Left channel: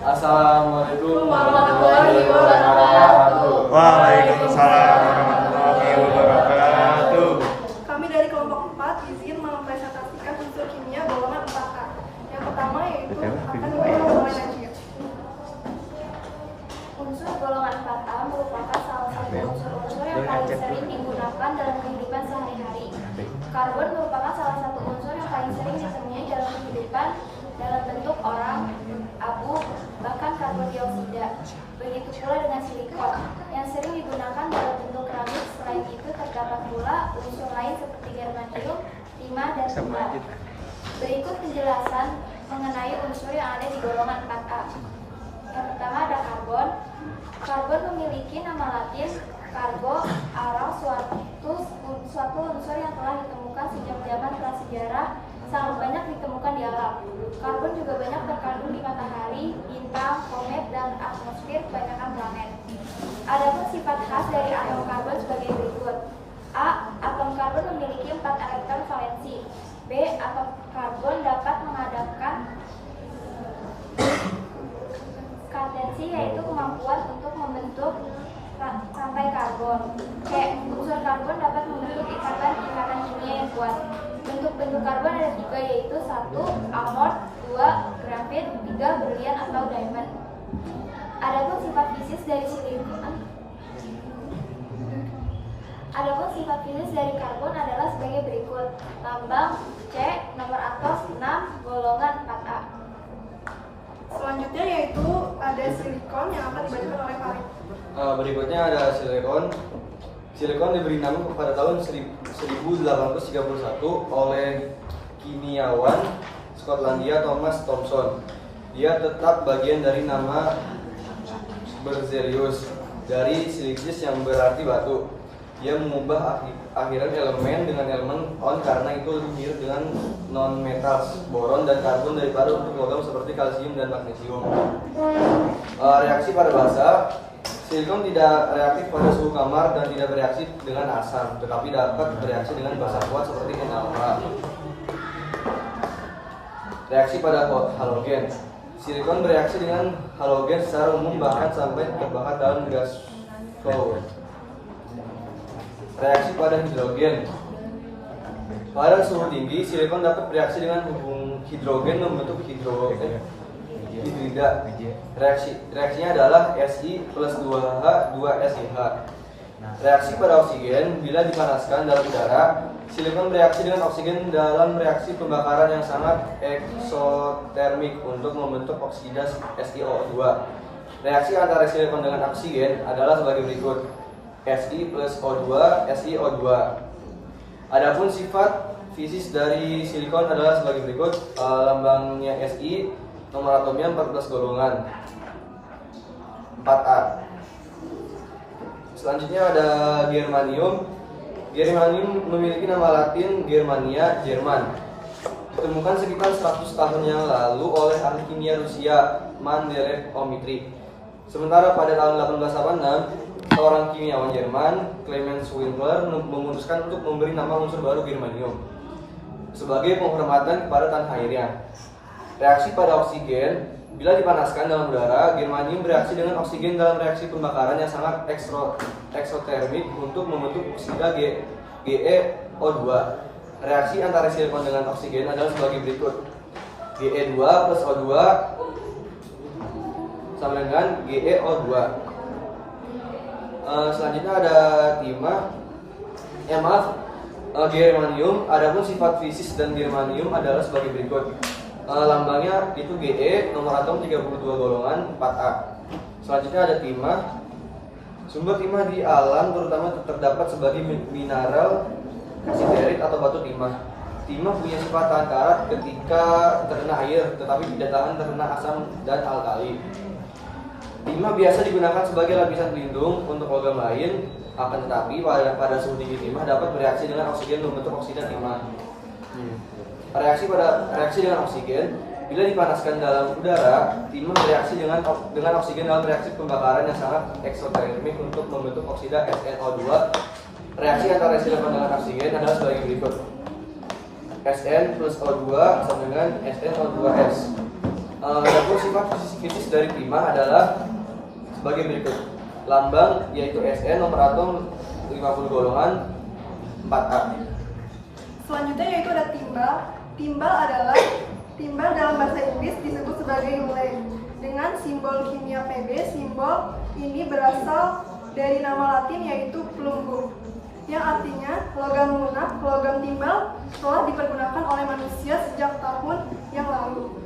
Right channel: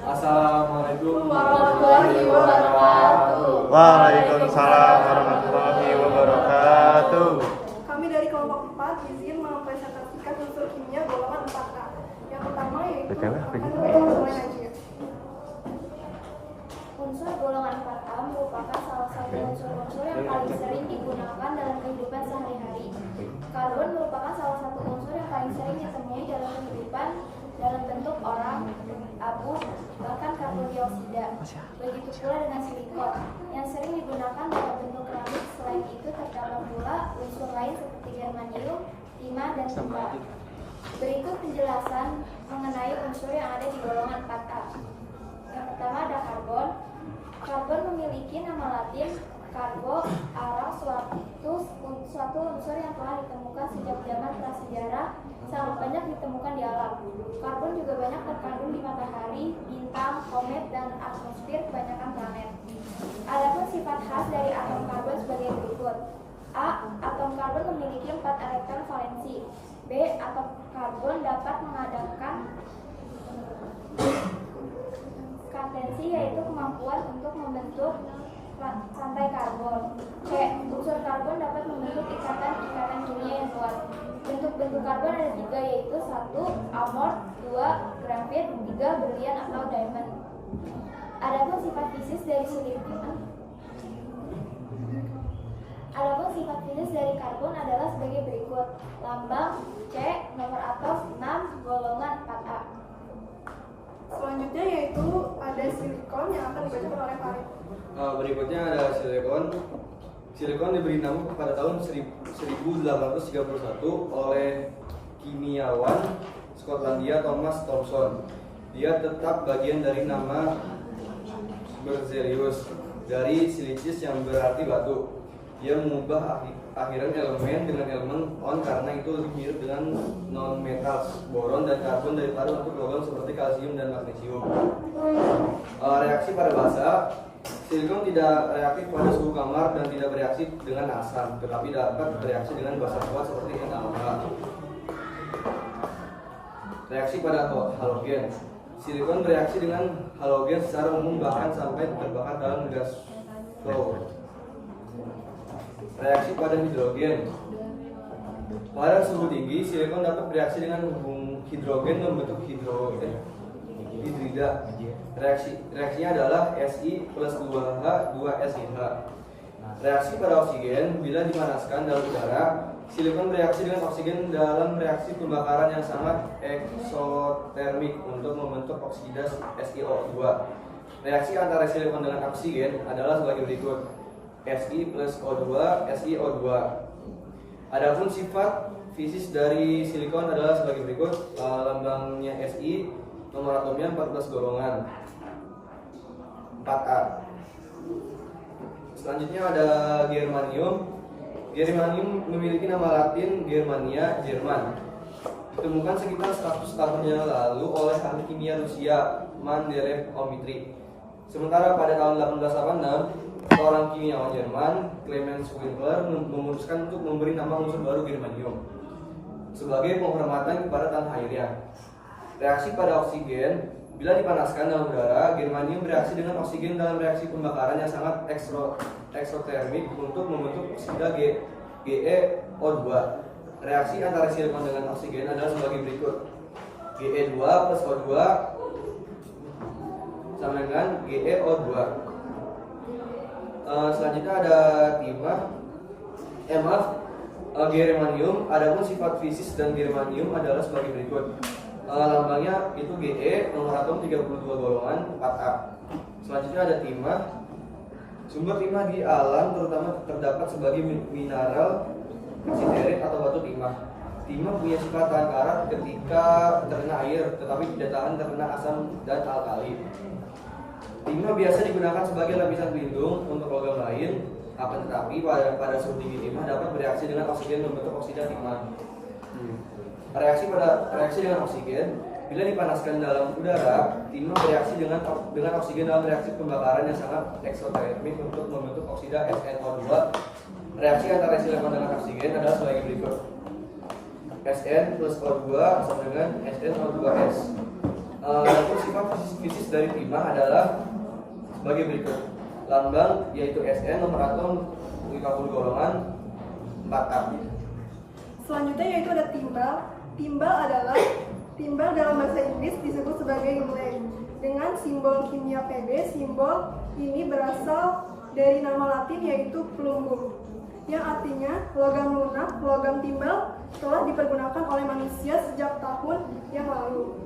Assalamualaikum warahmatullahi wabarakatuh. Waalaikumsalam warahmatullahi wabarakatuh. Kami dari kelompok 4 izin mempresentasikan unsur kimia golongan 4A. Yang pertama yaitu akan diberikan golongan Najib. Unsur golongan 4A merupakan salah satu unsur-unsur yang paling sering digunakan dalam kehidupan sehari-hari. Karbon merupakan salah satu unsur yang paling sering ditemui dalam kehidupan dalam bentuk orang, abu, bahkan karbon dioksida. Begitu pula dengan silikon yang sering digunakan dalam bentuk keramik. Selain itu terdapat pula unsur lain seperti germanium, timah, dan timah. Berikut penjelasan mengenai unsur yang ada di golongan 4A. Yang pertama ada karbon. Karbon memiliki nama latin carbo, arau, suatu unsur yang telah ditemukan sejak zaman prasejarah, sangat banyak ditemukan di alam. Karbon juga banyak terkandung di matahari, bintang, komet, dan atmosfer kebanyakan planet. Adapun sifat khas dari atom karbon sebagai berikut. A. Atom karbon memiliki 4 elektron valensi. B. Atom karbon dapat mengadakan kadensi, yaitu kemampuan untuk membentuk rantai karbon. C. Unsur karbon dapat membentuk ikatan-ikatan kimia yang kuat. Bentuk-bentuk karbon ada 3, yaitu 1. Amor, 2. Grafit, 3. Berlian atau diamond. Adapun sifat fisis dari karbon adalah sebagai berikut. Lambang C, nomor atom 6, golongan 4A. Selanjutnya yaitu ada silikon yang akan dibacakan oleh Farid. Berikutnya ada silikon. Silikon diberi nama pada tahun 1831 oleh kimiawan Skotlandia Thomas Thomson. Dia tetap bagian dari nama Berzelius dari silicis yang berarti batu. Dia mengubah akhiran elemen dengan elemen on karena itu lebih mirip dengan non-metal boron dan karbon daripada untuk logam seperti kalsium dan magnesium. Reaksi pada basa, silikon tidak reaktif pada suhu kamar dan tidak bereaksi dengan asam, tetapi dapat bereaksi dengan basa kuat seperti NaOH. Reaksi pada halogen, silikon bereaksi dengan halogen secara umum bahkan sampai terbakar dalam gas flow. Reaksi pada hidrogen, pada suhu tinggi silikon dapat bereaksi dengan hidrogen membentuk hidrida. Reaksinya adalah Si plus 2H 2SiH. Reaksi pada oksigen, bila dipanaskan dalam udara, silikon bereaksi dengan oksigen dalam reaksi pembakaran yang sangat eksotermik untuk membentuk oksida SiO2. Reaksi antara silikon dengan oksigen adalah sebagai berikut. Si plus O2, SiO2. Adapun sifat fisis dari silikon adalah sebagai berikut. Lambangnya Si, nomor atomnya 14 golongan 4A. Selanjutnya ada germanium. Germanium memiliki nama latin Germania, Jerman. Ditemukan sekitar 100 tahun yang lalu oleh ahli kimia Rusia Mendeleev Dmitri. Sementara pada tahun 1886, seorang kimiawan Jerman, Clemens Winkler, memutuskan untuk memberi nama unsur baru germanium sebagai penghormatan kepada tanah airnya. Reaksi pada oksigen, bila dipanaskan dalam udara, germanium bereaksi dengan oksigen dalam reaksi pembakaran yang sangat eksotermik untuk membentuk oksida GeO2. Reaksi antara silikon dengan oksigen adalah sebagai berikut. Ge2 plus O2 sama dengan GeO2. Selanjutnya ada timah. Germanium. Adapun sifat fisis dan germanium adalah sebagai berikut. Lambangnya itu Ge, nomor atom 32 golongan 4A. Selanjutnya ada timah. Sumber timah di alam terutama terdapat sebagai mineral kasiderit atau batu timah. Timah punya sifat tahan karat ketika terkena air, tetapi tidak tahan terkena asam dan alkali. Timah biasa digunakan sebagai lapisan pelindung untuk logam lain, akan tetapi pada suhu tinggi timah dapat bereaksi dengan oksigen membentuk oksida timah. Reaksi dengan oksigen, bila dipanaskan dalam udara, timah bereaksi dengan oksigen dalam reaksi pembakaran yang sangat eksotermik untuk membentuk oksida SnO2. Reaksi antara silikon dengan oksigen adalah sebagai berikut. Sn plus O2 sama dengan SnO2S. Adapun sifat kritis dari timah adalah sebagai berikut. Lambang yaitu Se, nomor atom 50 golongan 4A. Selanjutnya yaitu ada timbal. Timbal dalam bahasa Inggris disebut sebagai Yule dengan simbol kimia Pb. Simbol ini berasal dari nama Latin yaitu plumbum, yang artinya logam lunak. Logam timbal telah dipergunakan oleh manusia sejak tahun yang lalu,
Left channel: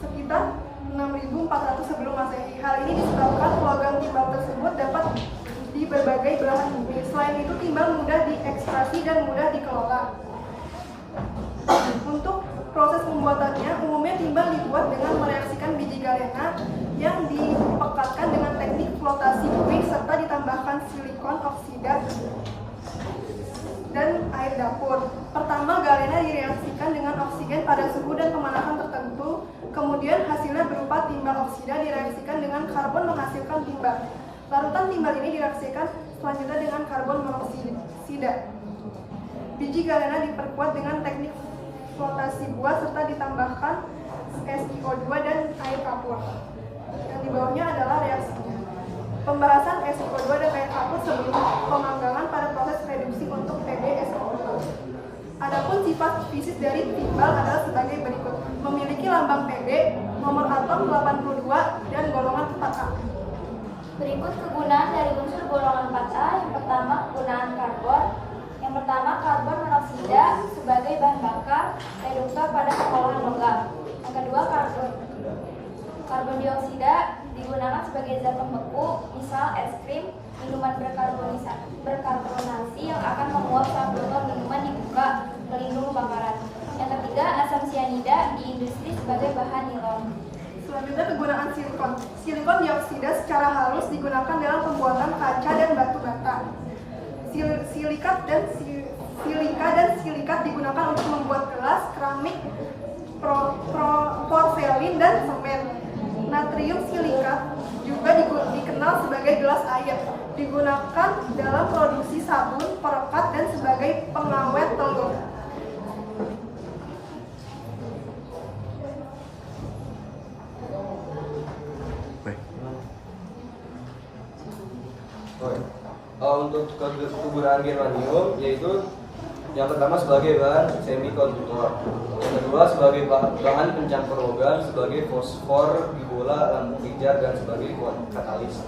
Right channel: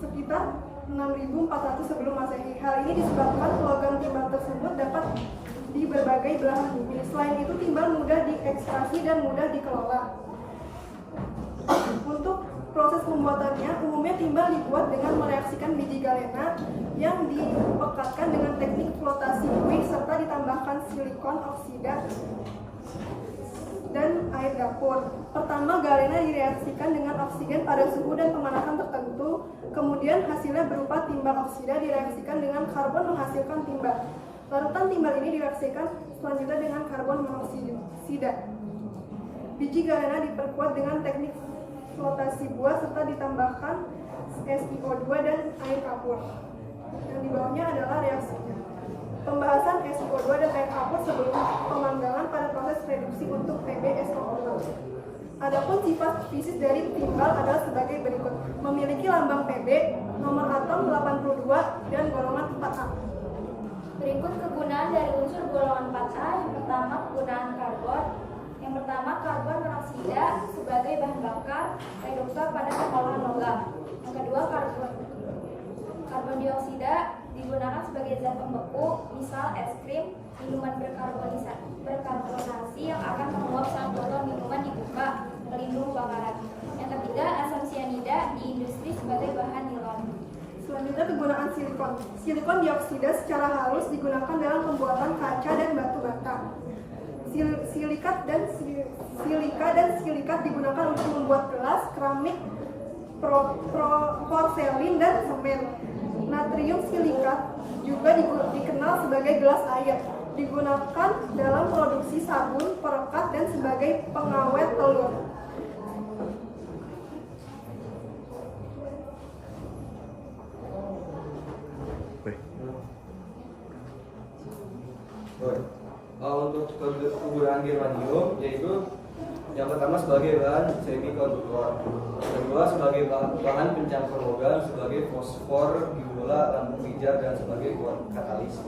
sekitar 6400 sebelum Masehi. Hal ini disebabkan logam timbal tersebut dapat di berbagai belahan bumi. Selain itu, timbal mudah diekstraksi dan mudah dikelola. Untuk proses pembuatannya, umumnya timbal dibuat dengan mereaksikan biji galena yang dipekatkan dengan teknik flotasi buih serta ditambahkan silikon oksida dan air dapur. Pertama, galena direaksikan dengan oksigen pada suhu dan pemanasan tertentu. Kemudian hasilnya berupa timbal oksida direaksikan dengan karbon menghasilkan timbal. Larutan timbal ini direaksikan selanjutnya dengan karbon monoksida. Biji galena diperkuat dengan teknik flotasi buah serta ditambahkan SiO2 dan air kapur. Yang di bawahnya adalah reaksinya. Pembahasan SiO2 dan air kapur sebelum pemanggangan pada proses reduksi untuk PbSO4. Adapun sifat fisik dari timbal adalah sebagai berikut. Memiliki lambang Pb, nomor atom 82 dan golongan 4A. Berikut kegunaan dari unsur golongan 4A. Yang pertama, kegunaan karbon. Yang pertama, karbon monoksida sebagai bahan bakar reduktor pada pengolahan logam. Yang kedua, karbon dioksida digunakan sebagai zat pembeku, misal es krim, minuman berkarbonasi yang akan menguap saat botol minuman dibuka, pelindung kebakaran. Yang ketiga, asam sianida di industri sebagai bahan nilon. Selanjutnya, kegunaan silikon. Silikon dioksida secara halus digunakan dalam pembuatan kaca dan batu bata. Silika dan silikat digunakan untuk membuat gelas, keramik, porselin, dan semen. Natrium silikat juga dikenal sebagai gelas air. Digunakan dalam produksi sabun, perekat, dan sebagai pengawet telur. Untuk kegunaan germanium yaitu yang pertama sebagai bahan semikonduktor, yang kedua sebagai bahan pencampur logam, sebagai fosfor di bola lampu pijar dan sebagai katalis.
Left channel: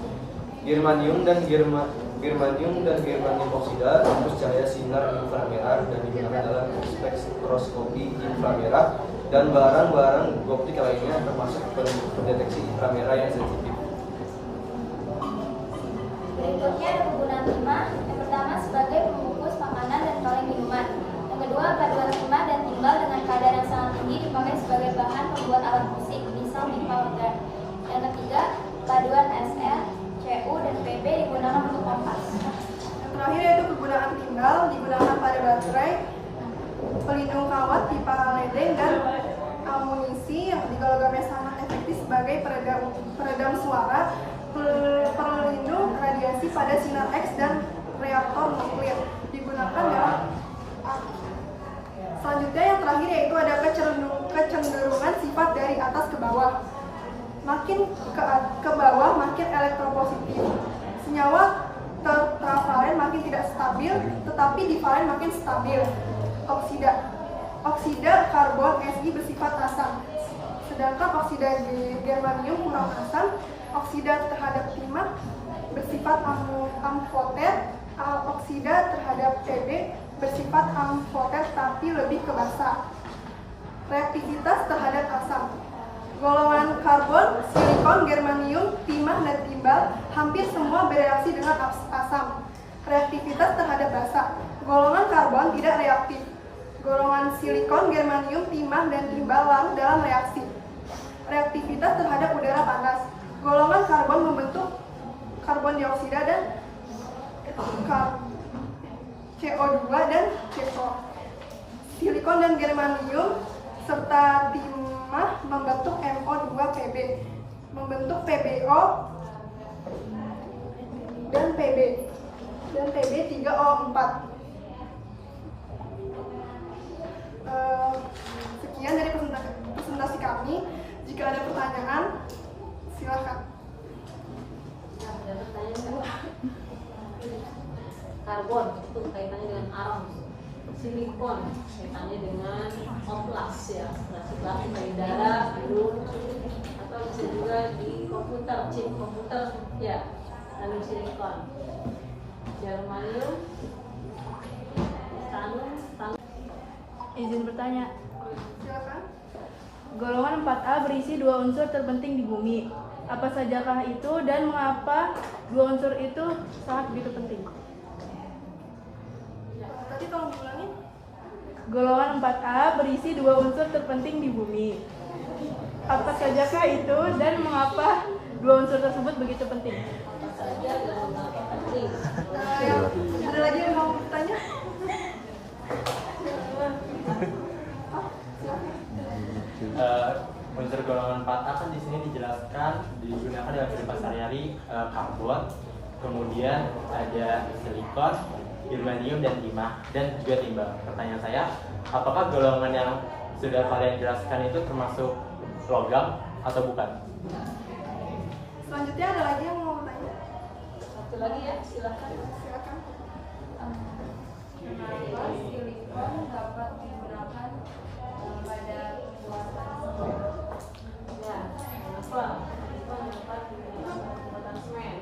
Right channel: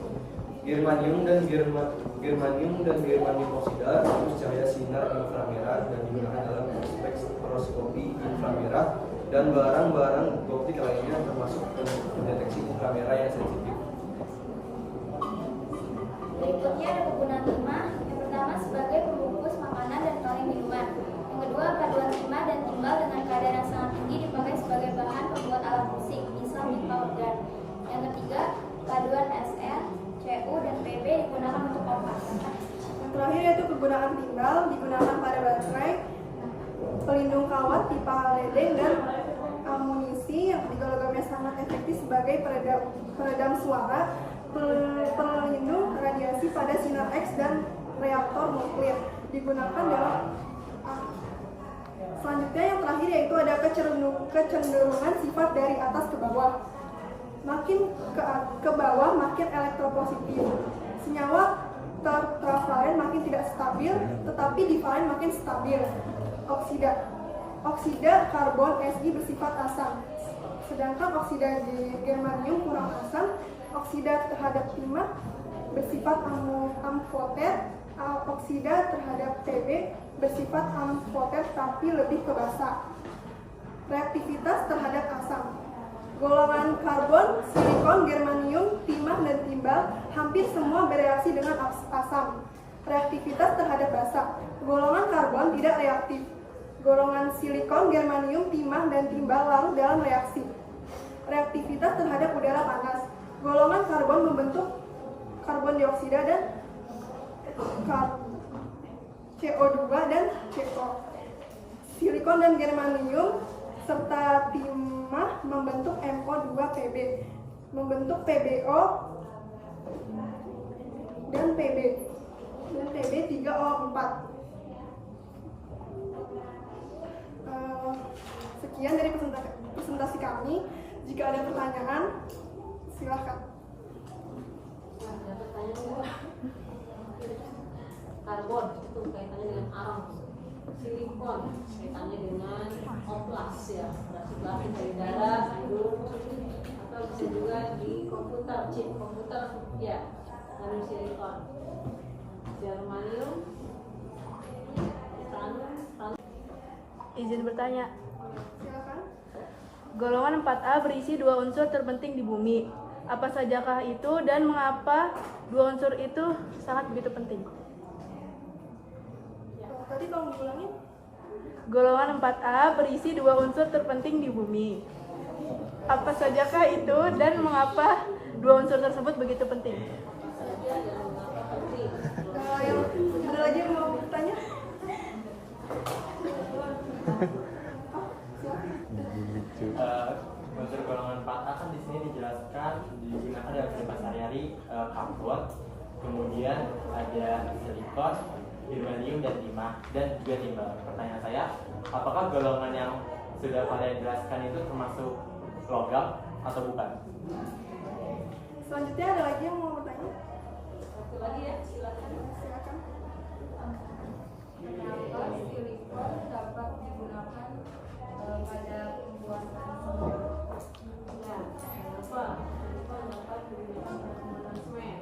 Germanium dan germanium oksida terus cahaya sinar inframerah dan digunakan dalam spektroskopi inframerah dan barang-barang optik lainnya termasuk pendeteksi inframerah yang sensitif. Berikutnya ada kegunaan timah. Yang pertama, sebagai pembungkus makanan dan kaleng minuman. Yang kedua, paduan timah dan timbal dengan kadar yang sangat tinggi dipakai sebagai bahan pembuat alat musik, misal pipa organ. Yang ketiga, paduan Sn, Cu, dan Pb digunakan untuk kompas. Yang terakhir yaitu kegunaan timbal digunakan pada baterai, pelindung kawat, pipa ledeng, dan amunisi yang ketiga logamnya sangat efektif sebagai peredam suara, pelindung radiasi pada sinar X dan reaktor nuklir digunakan dalam. Selanjutnya yang terakhir yaitu ada kecenderungan sifat dari atas ke bawah. Makin ke bawah makin elektropositif. Senyawa tertravalen makin tidak stabil, tetapi divalen makin stabil. Oksida karbon Si bersifat asam, sedangkan oksida germanium kurang asam. Oksida terhadap timah bersifat amfoter, oksida terhadap Pb bersifat amfoter tapi lebih ke basa. Reaktivitas terhadap asam. Golongan karbon, silikon, germanium, timah, dan timbal hampir semua bereaksi dengan asam. Reaktivitas terhadap basa. Golongan karbon tidak reaktif. Golongan silikon, germanium, timah, dan timbal larut dalam reaksi. Reaktivitas terhadap udara panas. Golongan karbon membentuk karbon dioksida dan CO2 dan CO. Silikon dan germanium serta timah membentuk MO2Pb, membentuk PbO dan Pb3O4. Sekian dari presentasi presentasi kami. Jika ada pertanyaan, silakan. Karbon itu kaitannya dengan alam, silikon kaitannya dengan oplas ya, transportasi baik darat, biru, atau bisa juga di komputer, chip komputer ya, tanam silikon, germanium, tanam. Izin bertanya, Silakan. golongan 4A berisi 2 unsur terpenting di bumi. Apa sajakah itu dan mengapa 2 unsur itu sangat begitu penting? Tadi tolong diulangin. Golongan 4A berisi 2 unsur terpenting di bumi. Apa sajakah itu dan mengapa 2 unsur tersebut begitu penting? Saja dalam penting. Yang ada lagi yang mau bertanya? Oh, silakan. Unsur golongan 4A kan di sini dijelaskan digunakan dalam kehidupan sehari-hari, karbon, kemudian ada silikon, germanium dan timah dan juga timbal. Pertanyaan saya, apakah golongan yang sudah kalian jelaskan itu termasuk logam atau bukan? Selanjutnya ada lagi yang mau bertanya? Satu lagi ya, silakan. Silakan. Kenapa silikon dapat digunakan pada pembuatan semen? Ya, kenapa silikon dapat digunakan untuk pembuatan semen?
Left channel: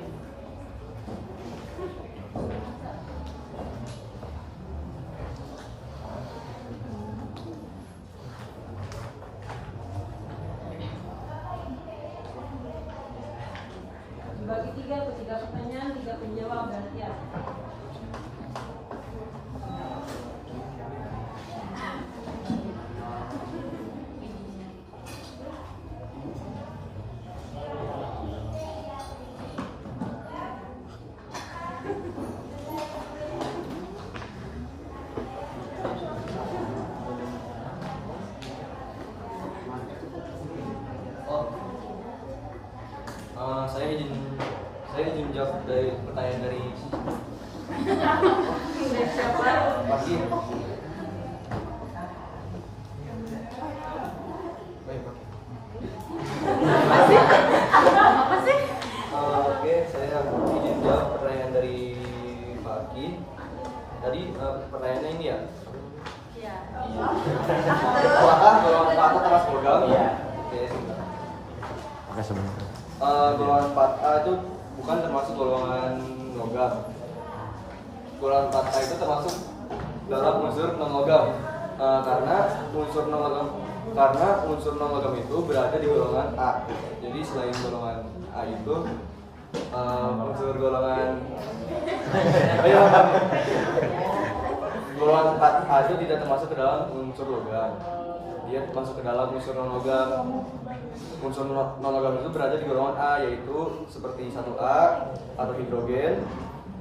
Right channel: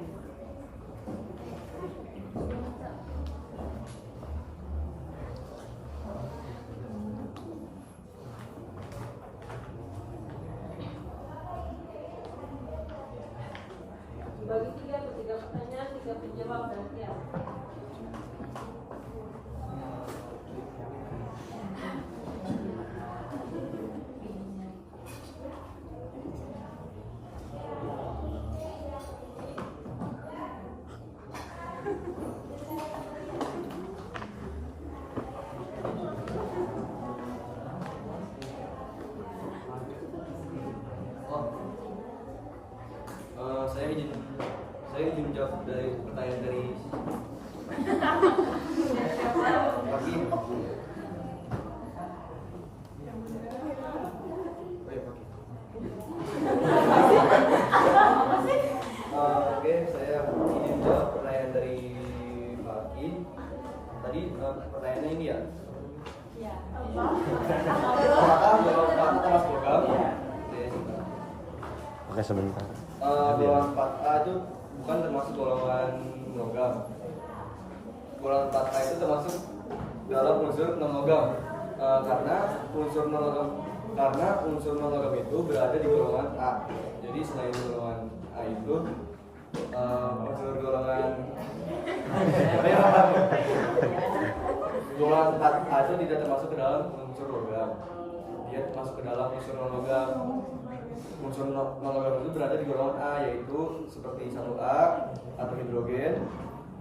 Dibagi tiga pertanyaan, 3 penjawab gantian. Saya izin jawab dari pertanyaan dari Pagi. Oke, saya izin jawab pertanyaan dari Pagi. Tadi pertanyaannya ini ya. Apakah golongan 4A termasuk logam? Oke. Oke, sebentar. Golongan 4A itu bukan termasuk golongan logam. Golongan 4A itu termasuk dalam unsur non logam. Karena unsur non logam itu berada di golongan A. Jadi selain golongan A itu unsur golongan golongan 4A itu tidak termasuk ke dalam unsur logam. Dia masuk ke dalam unsur non logam. Unsur non logam itu berada di golongan A, yaitu seperti 1A atau hidrogen,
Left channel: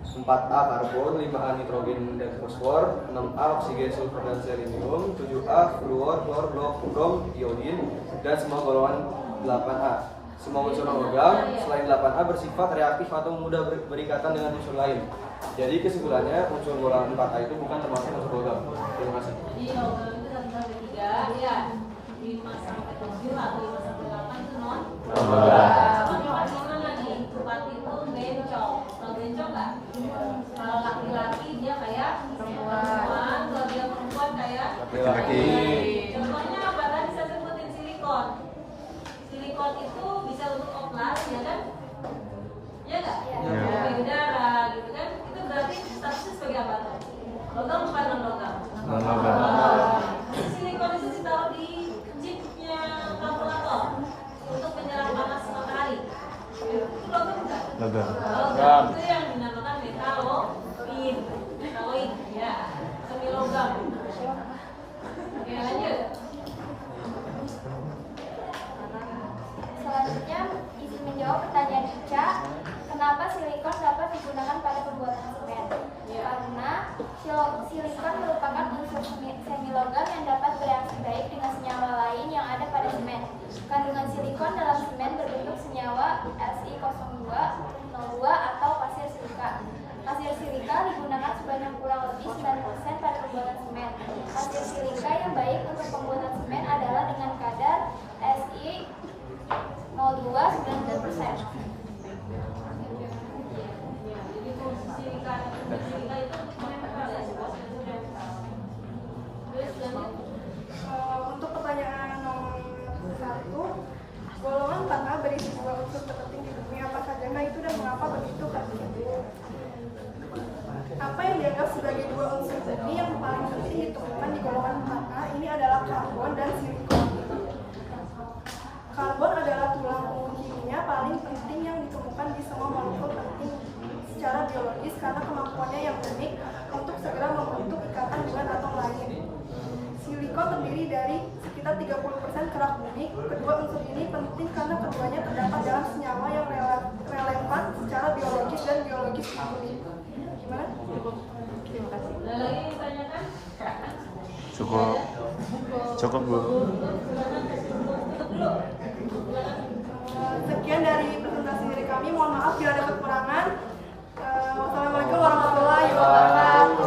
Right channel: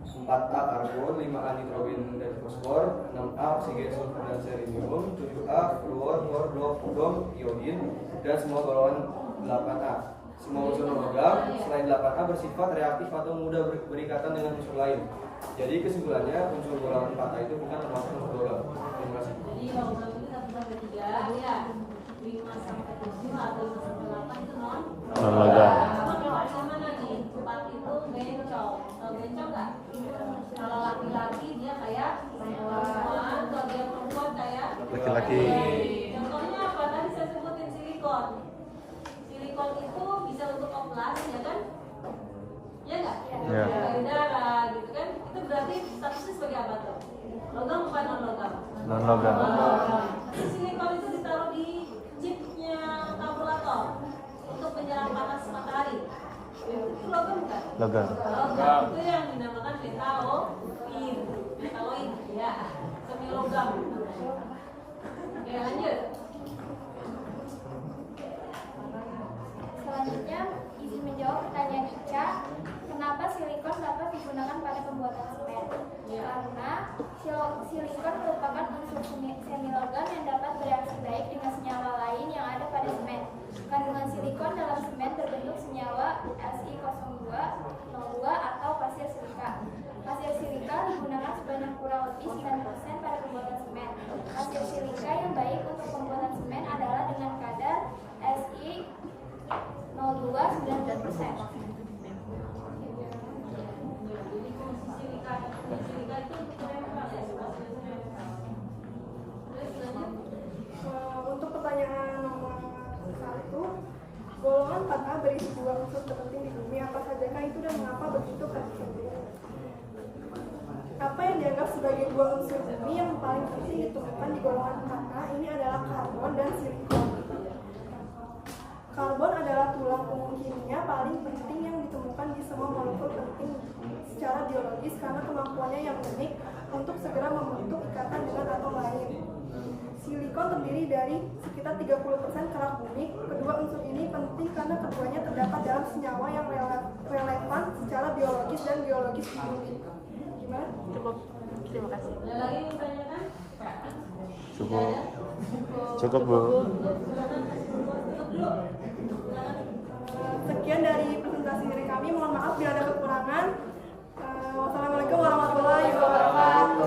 4A karbon, 5A nitrogen dan fosfor, 6A oksigen, sulfur dan selenium, 7A fluor, klor, brom, iodin, dan semua golongan 8A. Semua unsur non logam selain 8A bersifat reaktif atau mudah berikatan dengan unsur lain. Jadi kesimpulannya unsur golongan 4A itu bukan termasuk unsur logam. Terima kasih. Jadi logam itu 1 sampai 3 ya, 5 sampai 7 atau 5 sampai 8 itu non logam. Sama kelasnya mana nih? 4 itu bencong. Kalau bencong nggak? Kalau laki-laki dia kayak perempuan, kalau dia perempuan kayak Laki-laki. Contohnya apa? Tadi saya sebutin silikon. Silikon itu bisa untuk oplas, ya kan? Ya nggak? Ya. Payudara gitu kan? Itu berarti statusnya sebagai apa tuh? Logam apa non logam? Non logam. Silikon itu ditaruh di chipnya kalkulator untuk menyerap panas matahari. Itu logam bukan? Logam. Logam itu yang dinamakan metaloid. Metaloid ya, semi logam. Oke, lanjut. Selanjutnya, izin menjawab pertanyaan Ica. Kenapa silikon dapat digunakan pada pembuatan semen? Karena silikon merupakan unsur semilogam yang dapat bereaksi baik dengan senyawa lain yang ada pada semen. Kandungan silikon dalam semen berbentuk senyawa Si02, 02 atau pasir silika. Pasir silika digunakan sebanyak dengan kurang lebih 9% pada pembuatan semen. Hasil silika yang baik untuk pembuatan semen adalah dengan kadar Si 0,2-90%. Jadi fungsi silika itu untuk menempel ya, sebagai menempel. Terus lanjut. Untuk pertanyaan nomor 1, golongan 4A berisi 2 unsur terpenting di bumi, apa sajakah itu dan mengapa begitu penting? Apa yang dianggap sebagai 2 unsur bumi yang paling penting ditemukan di golongan 4A ini adalah karbon dan silikon. Karbon adalah tulang punggung kimia paling penting yang ditemukan di semua molekul penting secara biologis karena kemampuannya yang unik untuk segera membentuk ikatan dengan atom lain. Silikon terdiri dari sekitar 30% kerak bumi. Kedua unsur ini penting karena keduanya terdapat dalam senyawa yang relevan secara biologis dan biologis di bumi. Gimana? Terima kasih. Ada lagi yang ditanyakan? Cukup. Cukup, Bu. Sekian dari presentasi dari kami. Mohon maaf bila ada kekurangan. Wassalamualaikum warahmatullahi wabarakatuh.